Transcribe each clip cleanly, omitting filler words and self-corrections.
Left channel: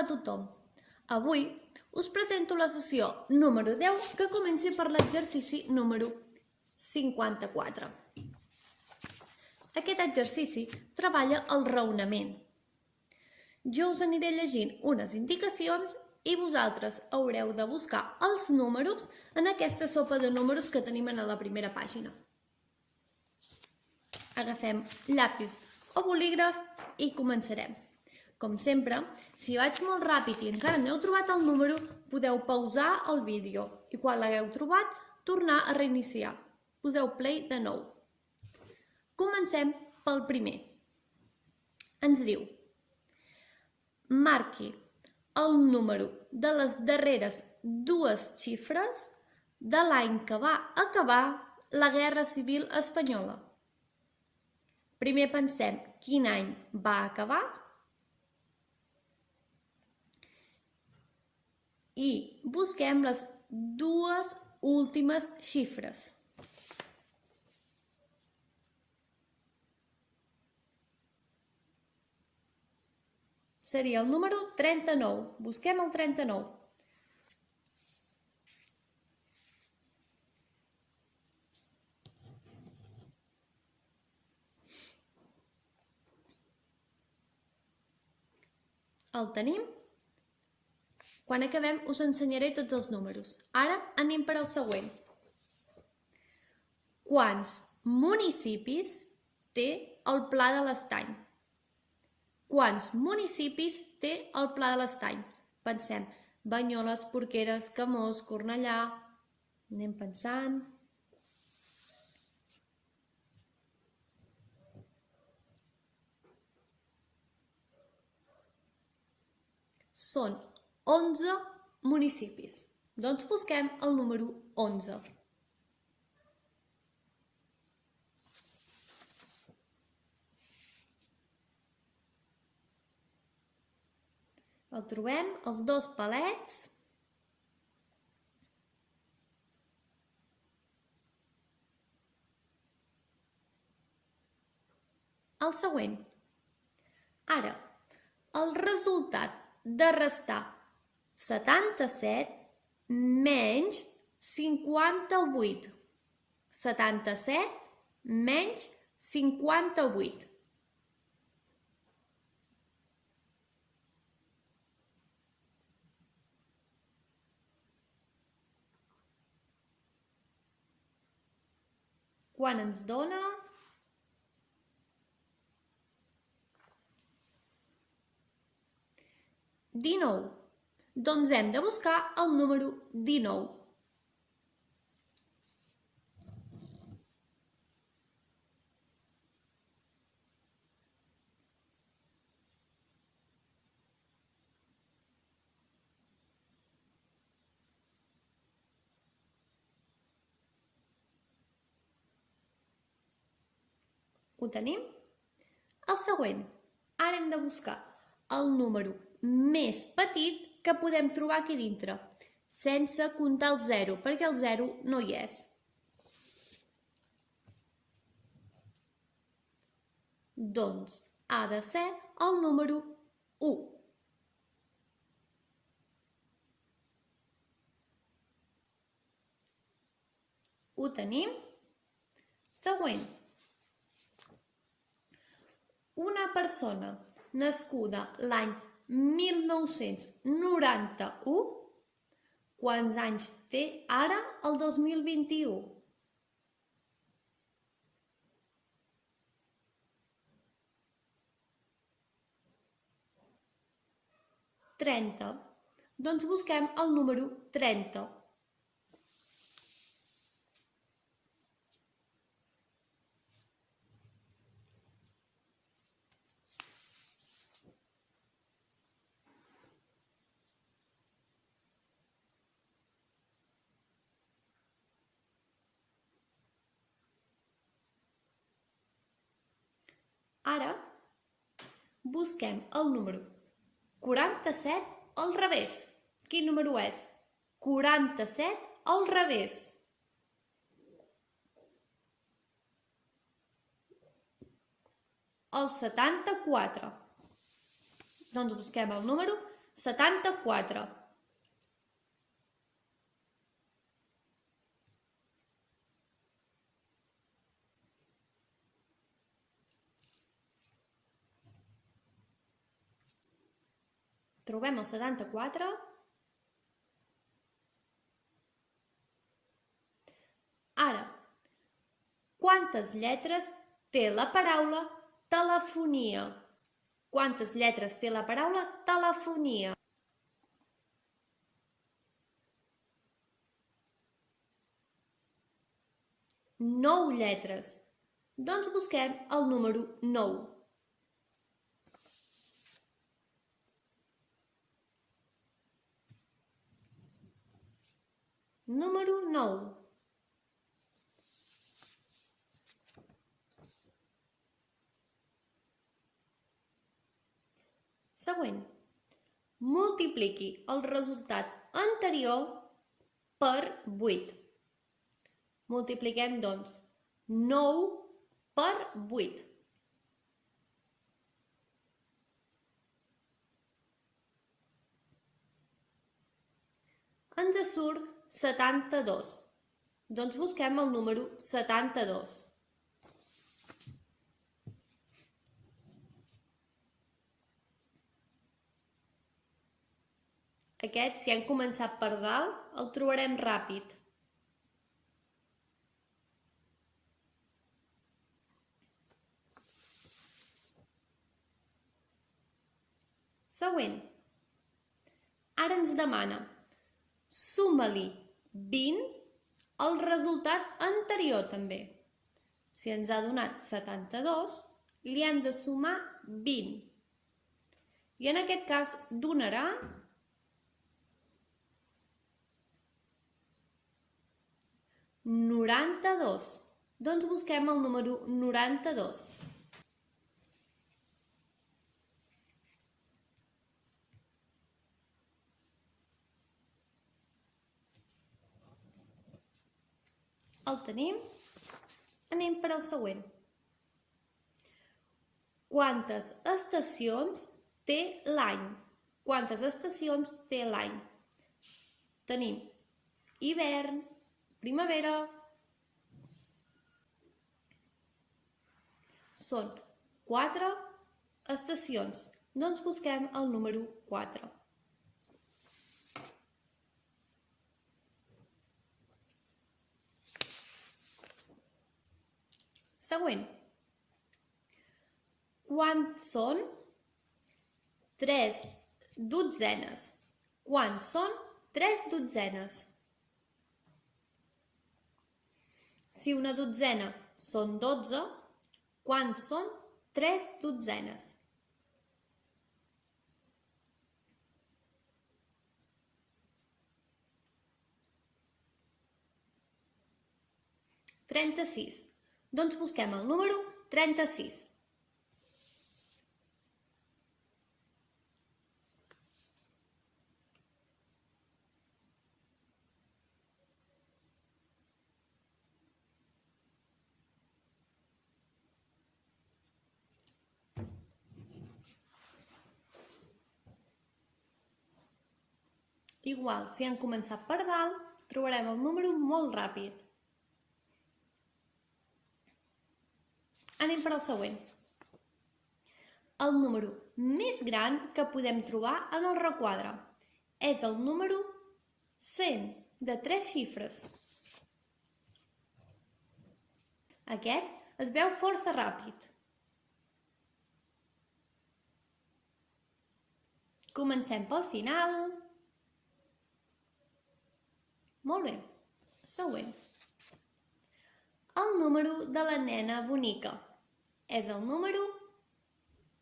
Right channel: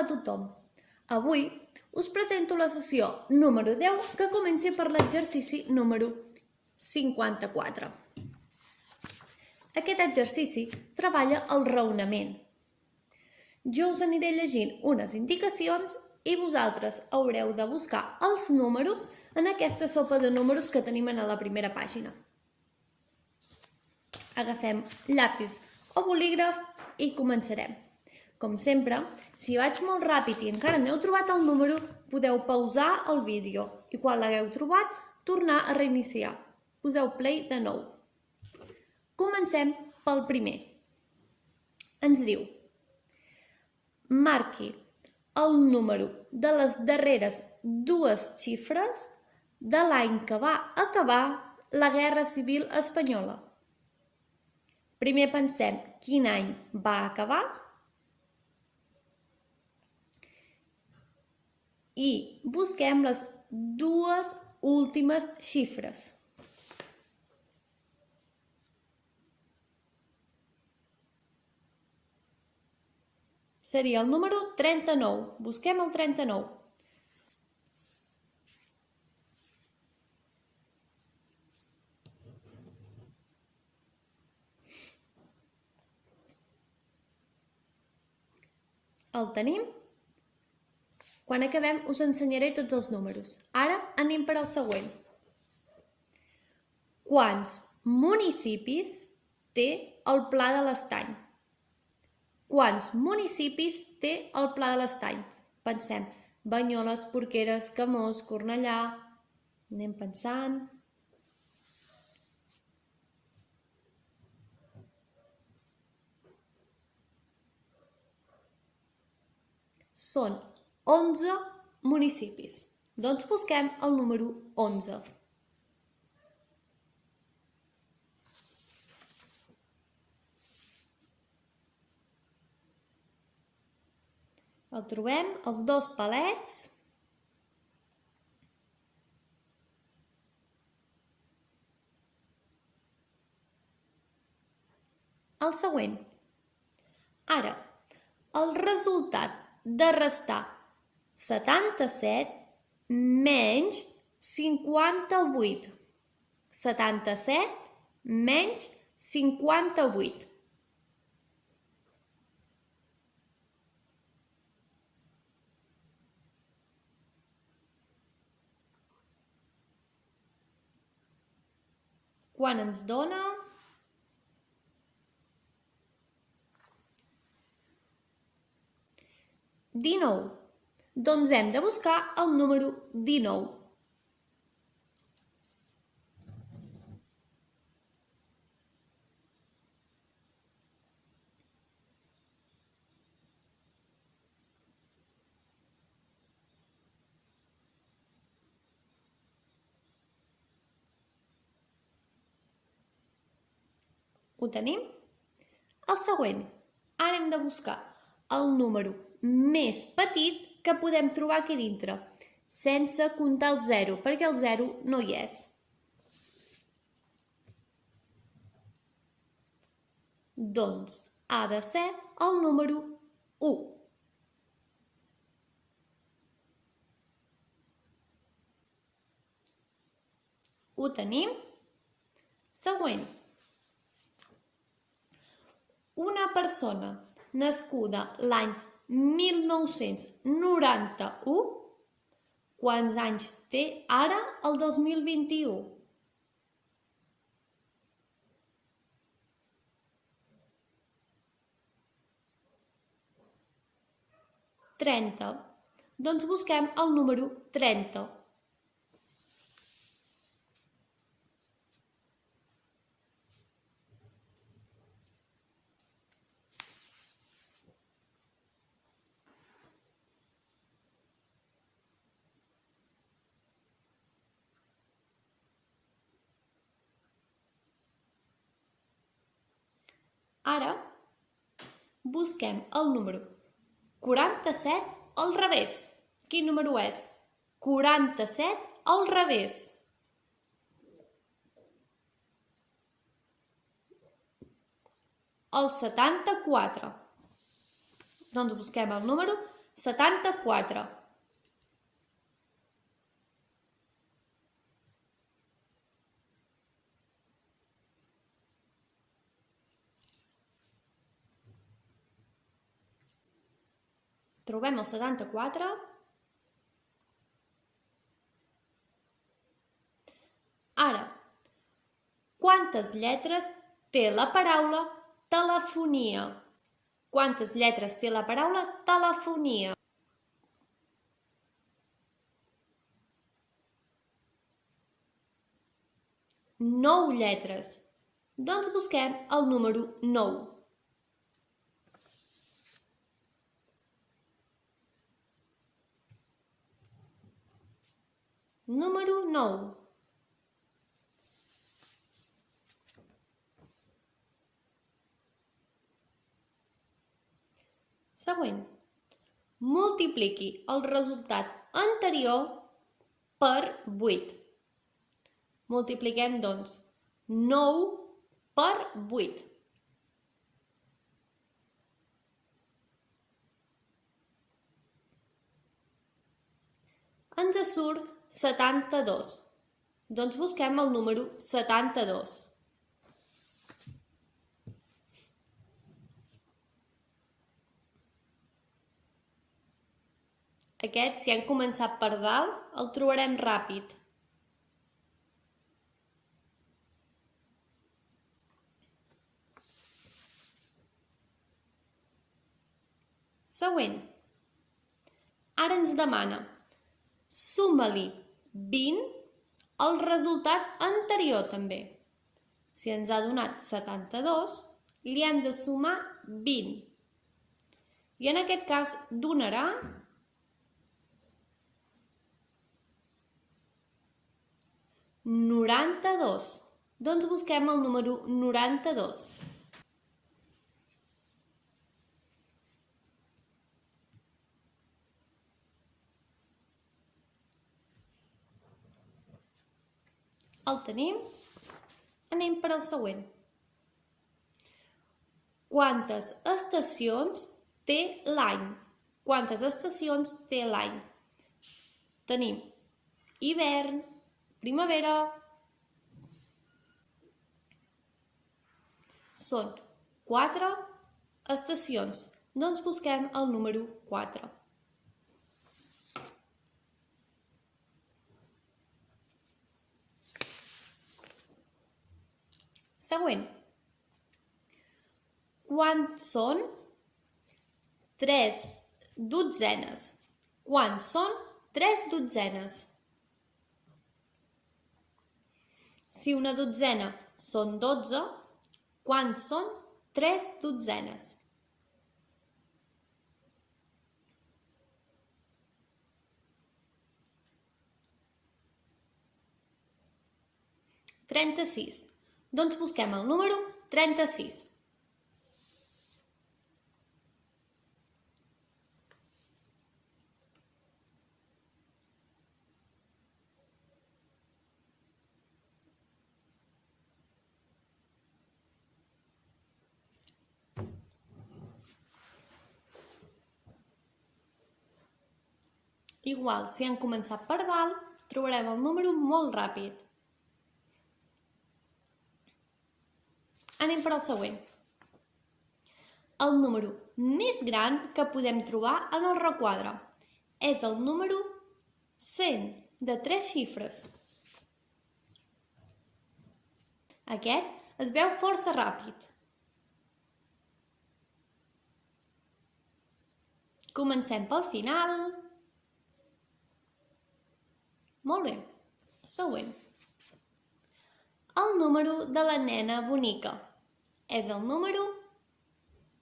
Hola a tothom! Avui us presento la sessió número 10 que comença per l'exercici número 54. Aquest exercici treballa el raonament. Jo us aniré llegint unes indicacions i vosaltres haureu de buscar els números en aquesta sopa de números que tenim a la primera pàgina. Agafem llapis o bolígraf i començarem. Com sempre, si vaig molt ràpid i encara no heu trobat el número, podeu pausar el vídeo i quan l'hagueu trobat, tornar a reiniciar. Poseu play de nou. Comencem pel primer. Ens diu: marqui el número de les darreres dues xifres de l'any que va acabar la Guerra Civil Espanyola. Primer pensem quin any va acabar i busquem les dues últimes xifres. Seria el número 39. Busquem el 39. El tenim? Quan acabem us ensenyaré tots els números. Ara anem per al següent. Quants municipis té el Pla de l'Estany? Quants municipis té el Pla de l'Estany? Pensem: Banyoles, Porqueres, Camós, Cornellà. Anem pensant. Són 11 municipis. Doncs busquem el número 11. El trobem, els dos palets. El següent. Ara, el resultat de restar 77 menys 58. 77 menys 58. Quan ens dona? $19. Doncs hem de buscar el número 19. Ho tenim? El següent. Ara hem de buscar el número més petit que podem trobar aquí dintre, sense comptar el 0, perquè el 0 no hi és. Doncs ha de ser el número 1. Ho tenim? Següent. Una persona nascuda l'any 1991, quants anys té ara el 2021? $30. Doncs busquem el número 30. Ara busquem el número 47 al revés. Quin número és? 47 al revés. El 74. Doncs busquem el número 74. Trobem el 74. Ara, quantes lletres té la paraula telefonia? Quantes lletres té la paraula telefonia? 9 lletres. Doncs busquem el número 9. Número 9. Següent. Multipliqui el resultat anterior per 8. Multipliquem, doncs, 9 per 8. Ens surt 72. Doncs busquem el número 72. Aquest, si hem començat per dalt, el trobarem ràpid. Següent. Ara ens demana, suma-li 20 al resultat anterior també. Si ens ha donat 72, li hem de sumar 20. I en aquest cas donarà 92. Doncs busquem el número 92. El tenim. Anem per al següent. Quantes estacions té l'any? Quantes estacions té l'any? Tenim hivern, primavera. Són 4 estacions. Doncs busquem el número 4. Següent. Quants són 3 dotzenes? Quants són 3 dotzenes? Si una dotzena són 12, quants són 3 dotzenes? 36. Doncs busquem el número 36. Igual, si hem començat per dalt, trobarem el número molt ràpid. Anem per al següent. El número més gran que podem trobar en el requadre és el número 100, de 3 xifres. Aquest es veu força ràpid. Comencem pel final. Molt bé. Següent. El número de la nena bonica és el número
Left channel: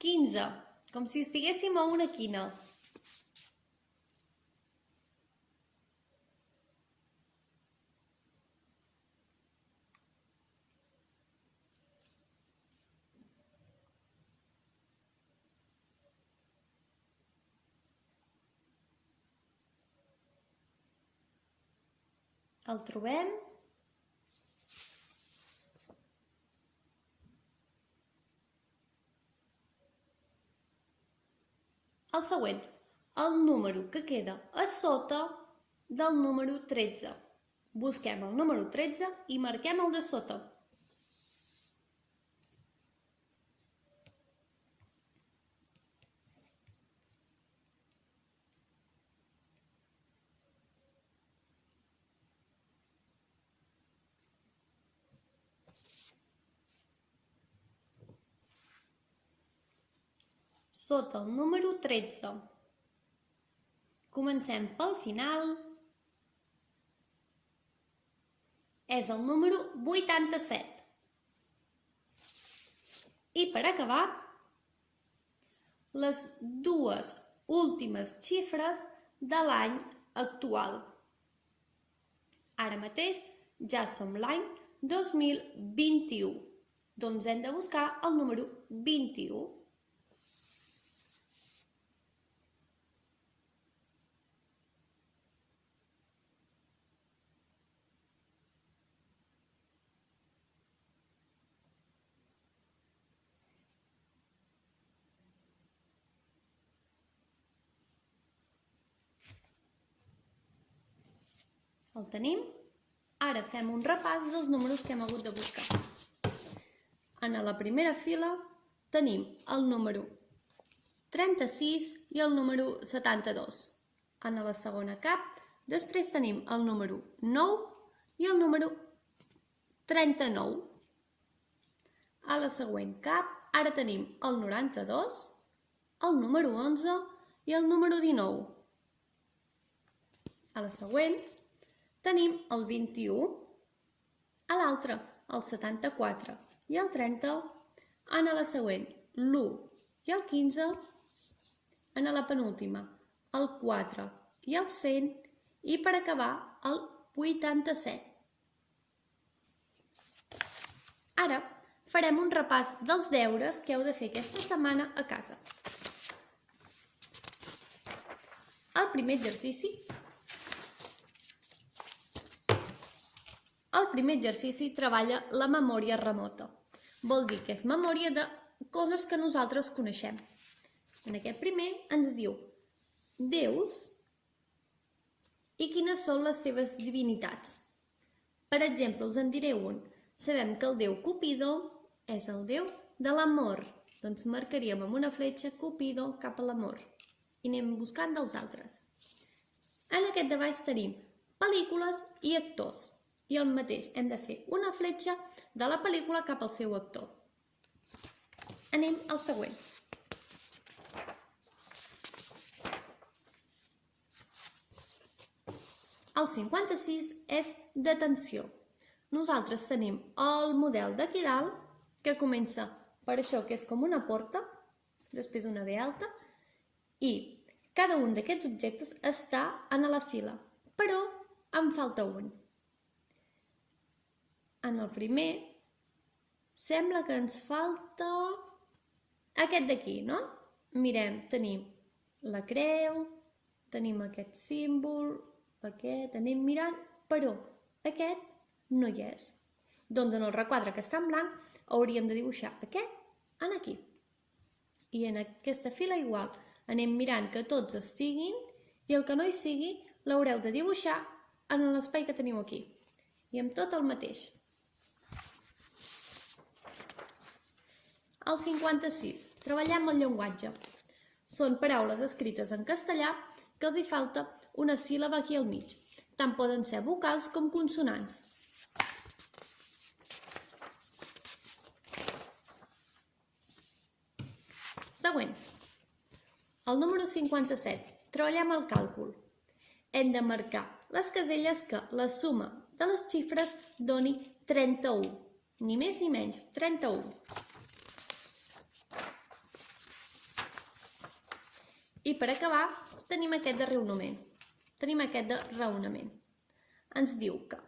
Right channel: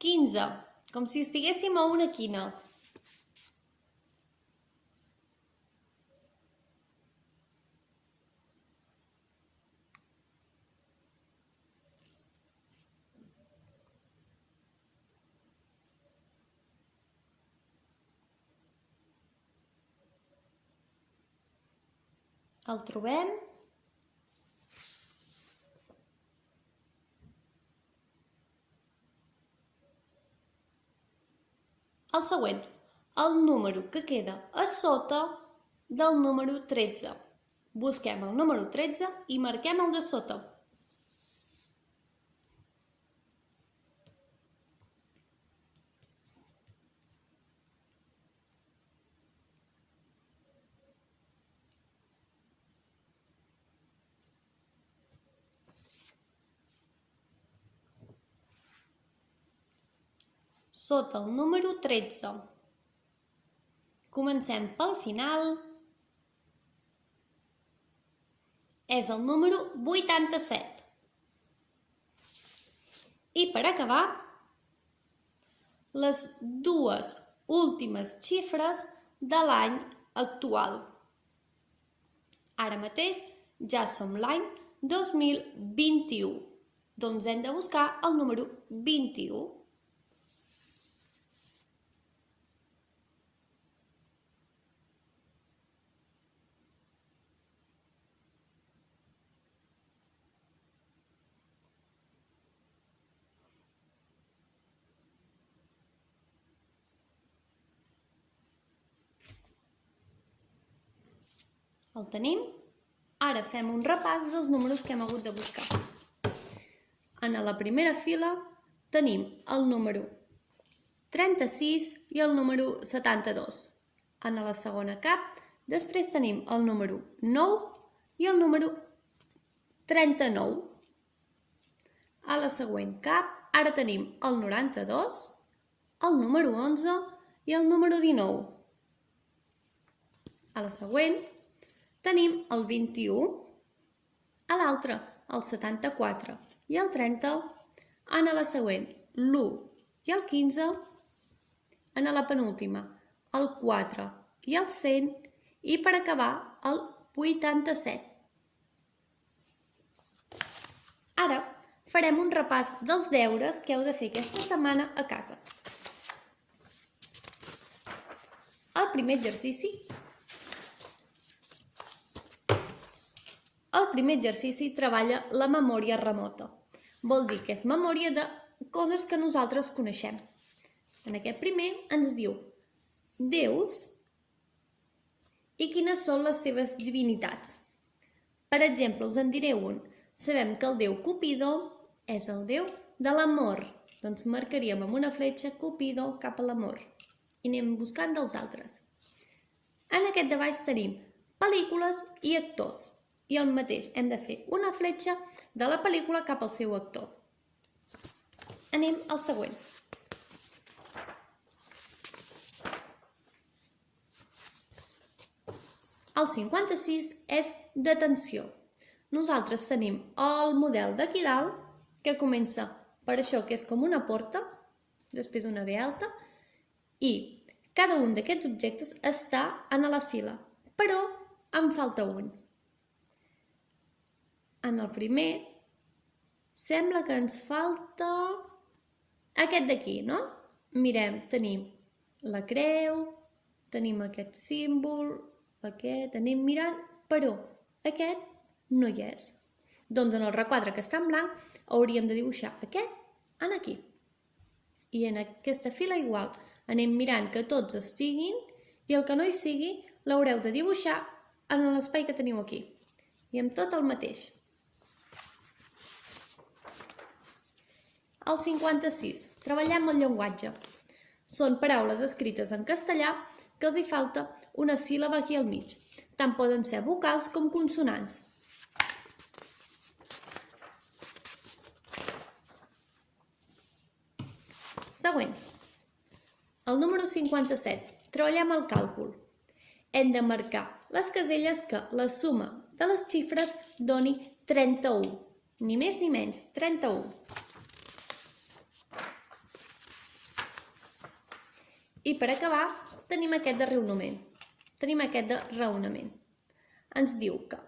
15, com si estiguéssim a una quina. El trobem. El següent. el número que queda a sota del número 13. Busquem el número 13 i marquem el de sota. Sota el número 13. Comencem pel final. És el número 87. I per acabar, les dues últimes xifres de l'any actual. Ara mateix ja som l'any 2021, doncs hem de buscar el número 21. El tenim? Ara fem un repàs dels números que hem hagut de buscar. En la primera fila tenim el número 36 i el número 72. En la segona cap, després tenim el número 9 i el número 39. A la següent cap, ara tenim el 92, el número 11 i el número 19. A la següent, tenim el 21, a l'altra el 74 i el 30, en la següent l'1 i el 15, en la penúltima el 4 i el 100 i per acabar el 87. Ara farem un repàs dels deures que heu de fer aquesta setmana a casa. El primer exercici treballa la memòria remota. Vol dir que és memòria de coses que nosaltres coneixem. En aquest primer ens diu déus i quines són les seves divinitats. Per exemple, us en diré un. Sabem que el déu Cupido és el déu de l'amor. Doncs marcaríem amb una fletxa Cupido cap a l'amor. I anem buscant dels altres. En aquest de baix tenim pel·lícules i actors. I el mateix, hem de fer una fletxa de la pel·lícula cap al seu actor. Anem al següent. El 56 és d'atenció. Nosaltres tenim el model d'aquí dalt, que comença per això que és com una porta, després una B alta, i cada un d'aquests objectes està en la fila, però en falta un. En el primer, sembla que ens falta aquest d'aquí, no? Mirem, tenim la creu, tenim aquest símbol, aquest, anem mirant, però aquest no hi és. Doncs en el requadre que està en blanc hauríem de dibuixar aquest en aquí. I en aquesta fila igual, anem mirant que tots estiguin i el que no hi sigui l'haureu de dibuixar en l'espai que teniu aquí. I amb tot el mateix. El 56. Treballem el llenguatge. Són paraules escrites en castellà que els hi falta una síl·laba aquí al mig. Tant poden ser vocals com consonants. Següent. El número 57. Treballem el càlcul. Hem de marcar les caselles que la suma de les xifres doni 31. Ni més ni menys, 31. I per acabar, tenim aquest de raonament. Ens diu que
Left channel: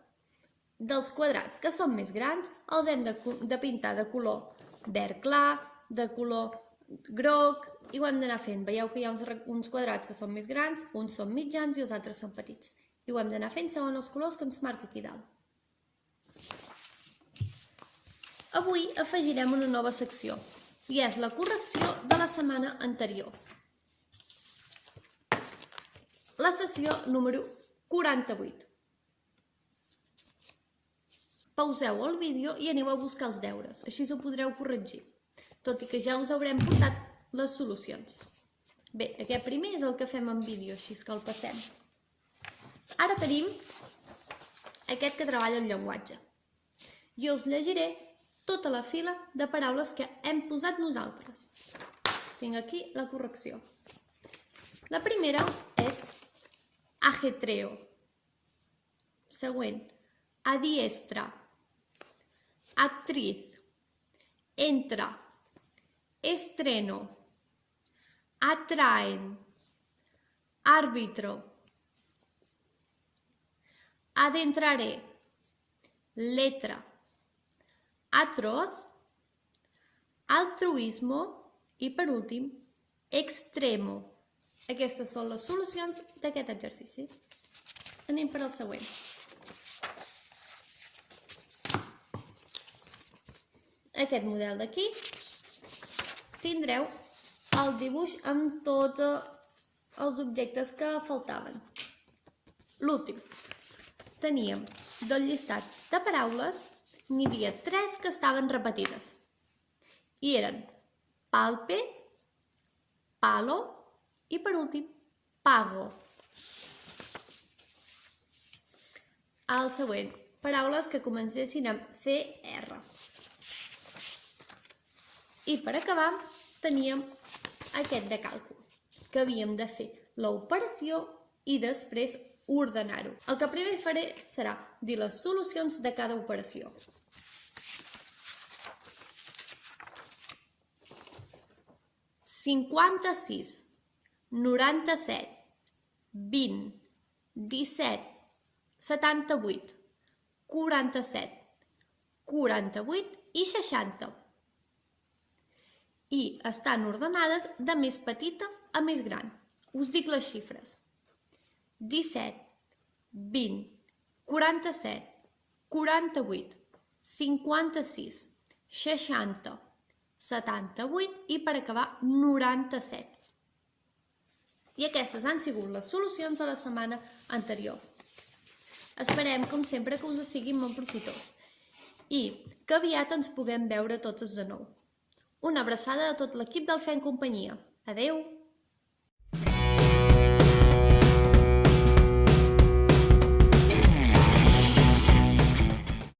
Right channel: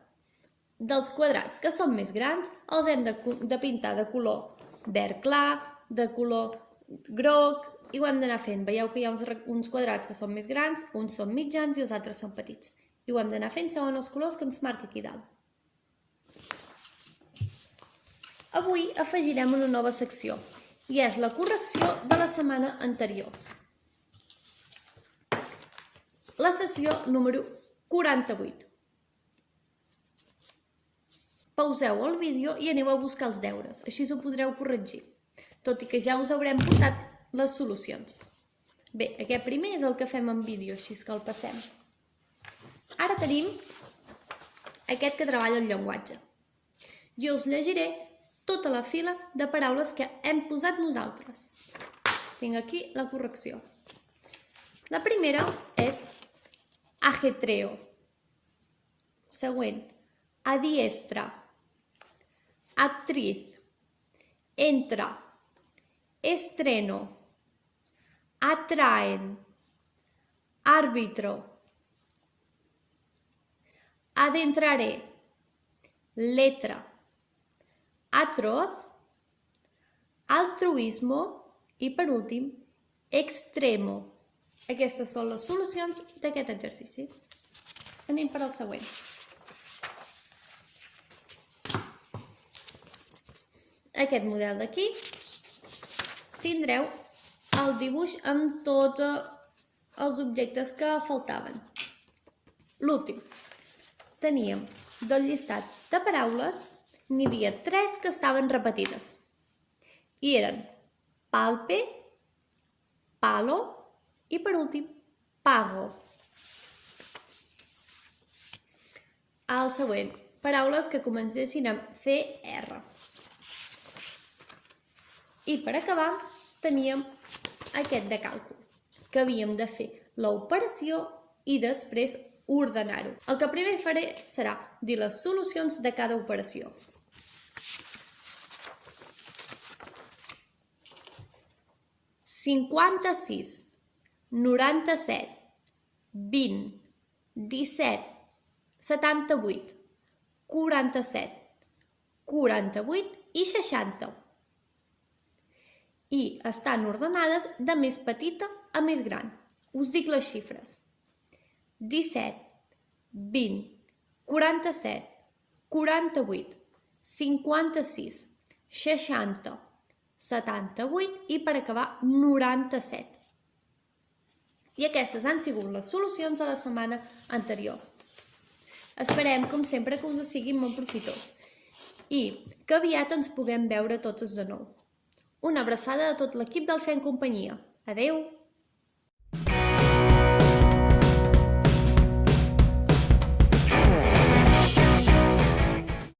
dels quadrats que són més grans els hem de pintar de color verd clar, de color groc, i ho hem d'anar fent. Veieu que hi ha uns quadrats que són més grans, uns són mitjans i els altres són petits. I ho hem d'anar fent segons els colors que ens marca aquí dalt. Avui afegirem una nova secció, i és la correcció de la setmana anterior. la sessió número 48. Pauseu el vídeo i aneu a buscar els deures, així ho podreu corregir, tot i que ja us haurem portat les solucions. Bé, aquest primer és el que fem en vídeo, així que el passem. Ara tenim aquest que treballa el llenguatge. Jo us llegiré tota la fila de paraules que hem posat nosaltres. Tinc aquí la correcció. La primera és ajetreo. Següent, adiestra, actriz, entra, estreno, atraen, árbitro, adentraré, letra, atroz, altruismo i, per últim, extremo. Aquestes són les solucions d'aquest exercici. Anem per al següent. Aquest model d'aquí tindreu el dibuix amb tots els objectes que faltaven. L'últim. Teníem del llistat de paraules, n'hi havia 3 que estaven repetides. I eren palpe, palo i, per últim, pago. El següent, paraules que comencessin amb CR. I per acabar, teníem aquest de càlcul, que havíem de fer l'operació i després ordenar-ho. El que primer faré serà dir les solucions de cada operació. «56, 97, 20, 17, 78, 47, 48 i 60. I estan ordenades de més petita a més gran. Us dic les xifres. 17, 20, 47, 48, 56, 60, 78 i, per acabar, 97. I aquestes han sigut les solucions a la setmana anterior. Esperem, com sempre, que us siguin molt profitós i que aviat ens puguem veure totes de nou. Una abraçada a tot l'equip del Fent Companyia. Adeu!